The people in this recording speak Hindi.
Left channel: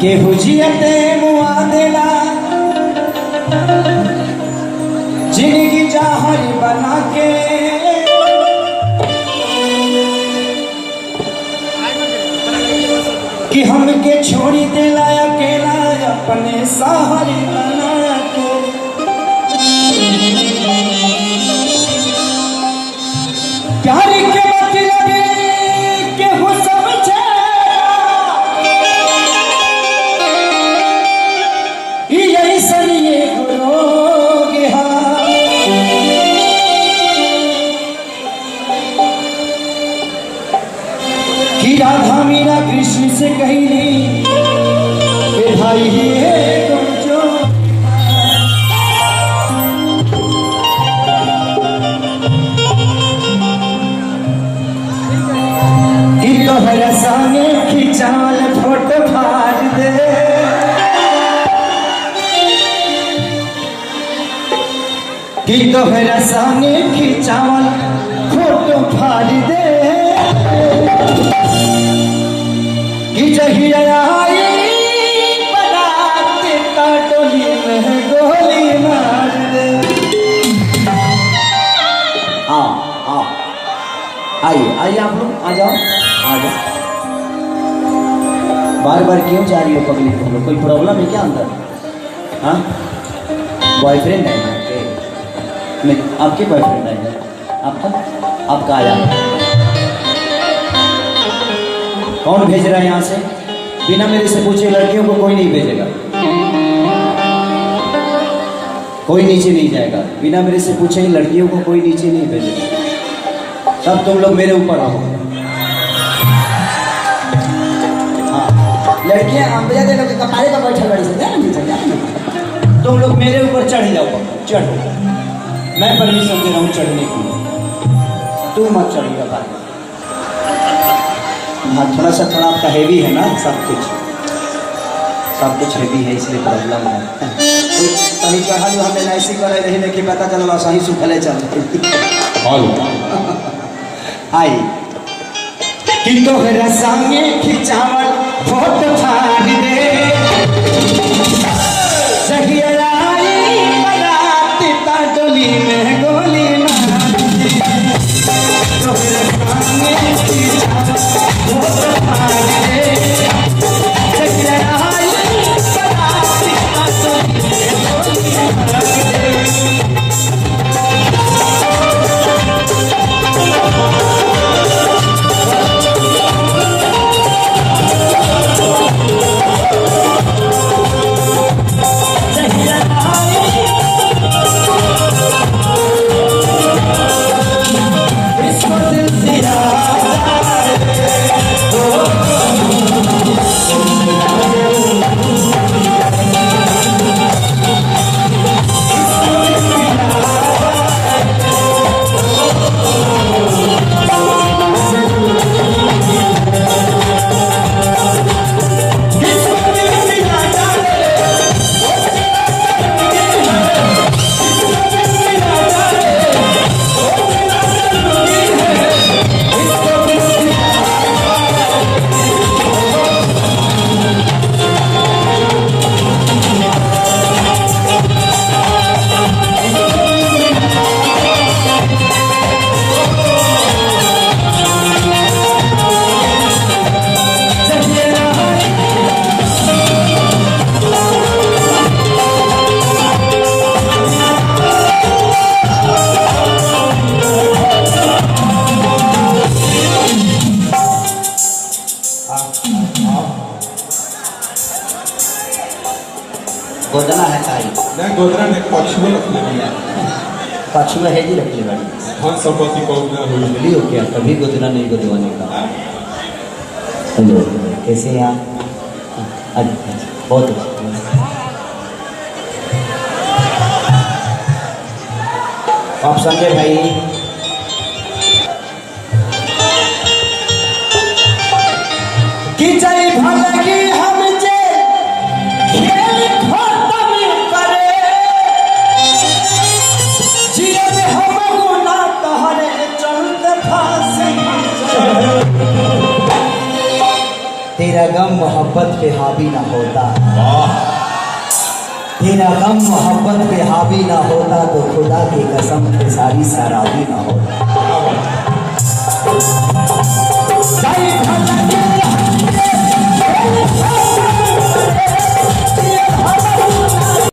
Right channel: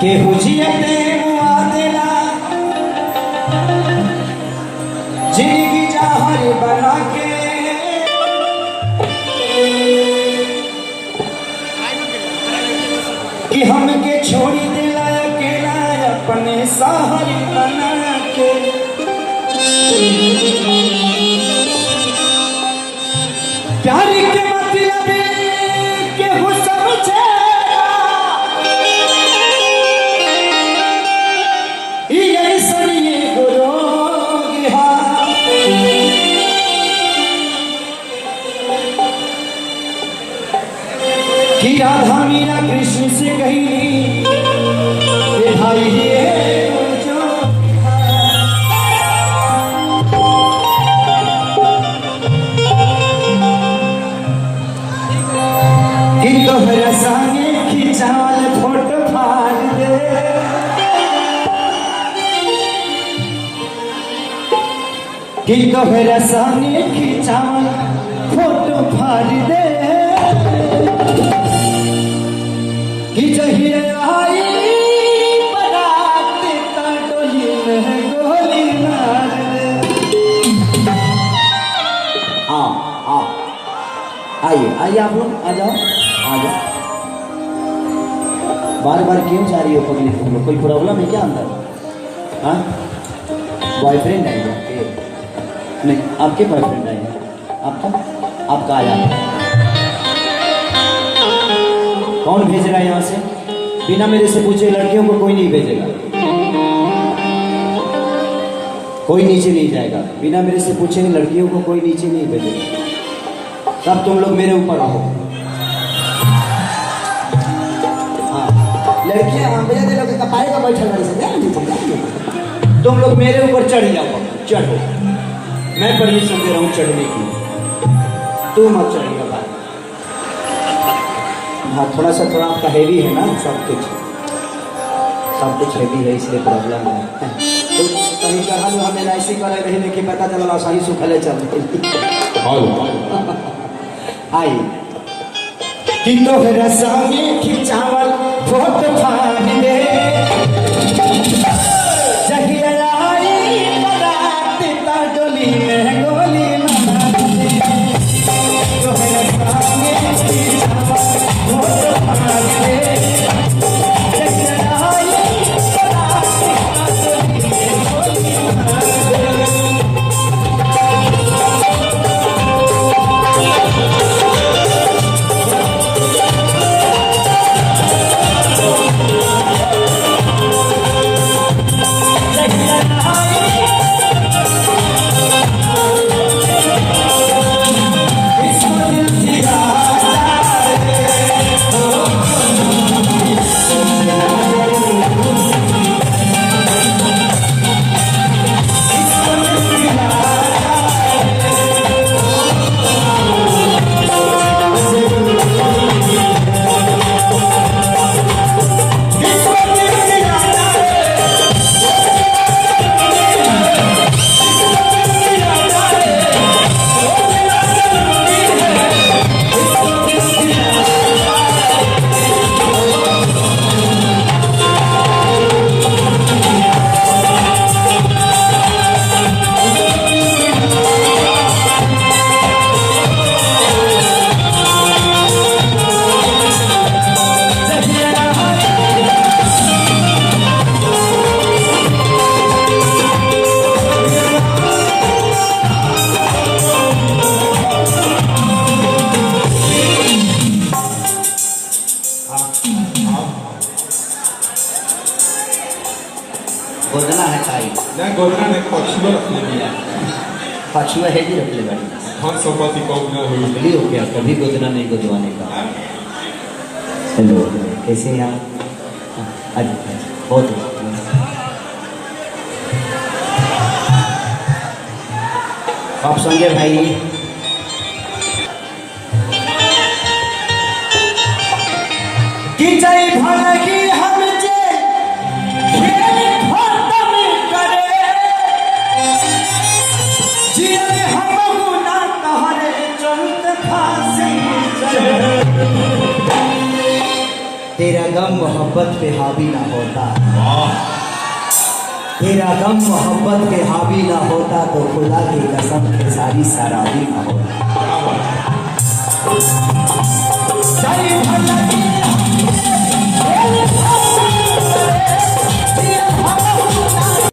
के हुजियते मुआदला जिंदगी जहर बना के कि हमके छोड़ी दिला अकेला अपने सहारे बना के प्यार के मतलब के हो समझे यही सरिये गुरोग कि राधा मीरा कृष्ण से कही नहीं भाई ये जो कि तोहरा संगे खिंचाल फोटो फाड़ दे कि तोहरा संगे खिंचाल फोटो फाड़ दे कि जहिया आई बारात का डोली में गोली मार दे। आइए आइए आप लोग आ जाओ आ जाओ। बार बार क्यों जा रही हो पगली तुम लोग? कोई प्रॉब्लम है क्या अंदर? हाँ बॉयफ्रेंड है नहीं आपके बॉयफ्रेंड है आपका आपका आ जाओ। कौन भेज रहा है यहाँ से? बिना मेरे से पूछे लड़कियों को कोई नहीं भेजेगा, कोई नीचे नहीं जाएगा। बिना मेरे से पूछे लड़कियों को कोई नीचे नहीं भेजेगा। सब तुम लोग मेरे ऊपर रहो। हाँ लड़कियां भैया दे लोग कपारे पर बैठे बड़ी से तुम लोग मेरे ऊपर चढ़ जाओ। चढ़ो, मैं परमिशन दे रहा हूँ चढ़ने की, तू मत चढ़ेगा। हाँ थोड़ा सा थोड़ा आपका हेवी है ना, सब कुछ हेवी है इसलिए प्रॉब्लम है। तो कहीं कहा जो हमें ऐसी कर रही देखिए पता चला सही सुखले चल आई कि तोहरा संगे खिंचावल फोटो फाड़ दे जहिया आई बारात का डोली में गोली मार दे। तोहरा संगे खिंचावल फोटो फाड़ दे जहिया आई बारात का डोली में गोली मार दे। गोदना है ताई ना गोदना ने पक्ष में रखने दिया पक्ष में है जी रख ले बड़ी हम संपत्ति को ना हुई मिली हो क्या कभी गोदना नहीं गोदवाने का। हेलो कैसे हैं आप? बहुत आप संजय भाई कि जय भलगी हम जे खेल खत्म करे जीवन हम ना तहरे चलते फांसी तेरा तेरा गम मोहब्बत पे हावी ना होता, वाह तेरा गम मोहब्बत पे हावी ना होता तो खुदा की कसम पे सारी सराबी ना होता।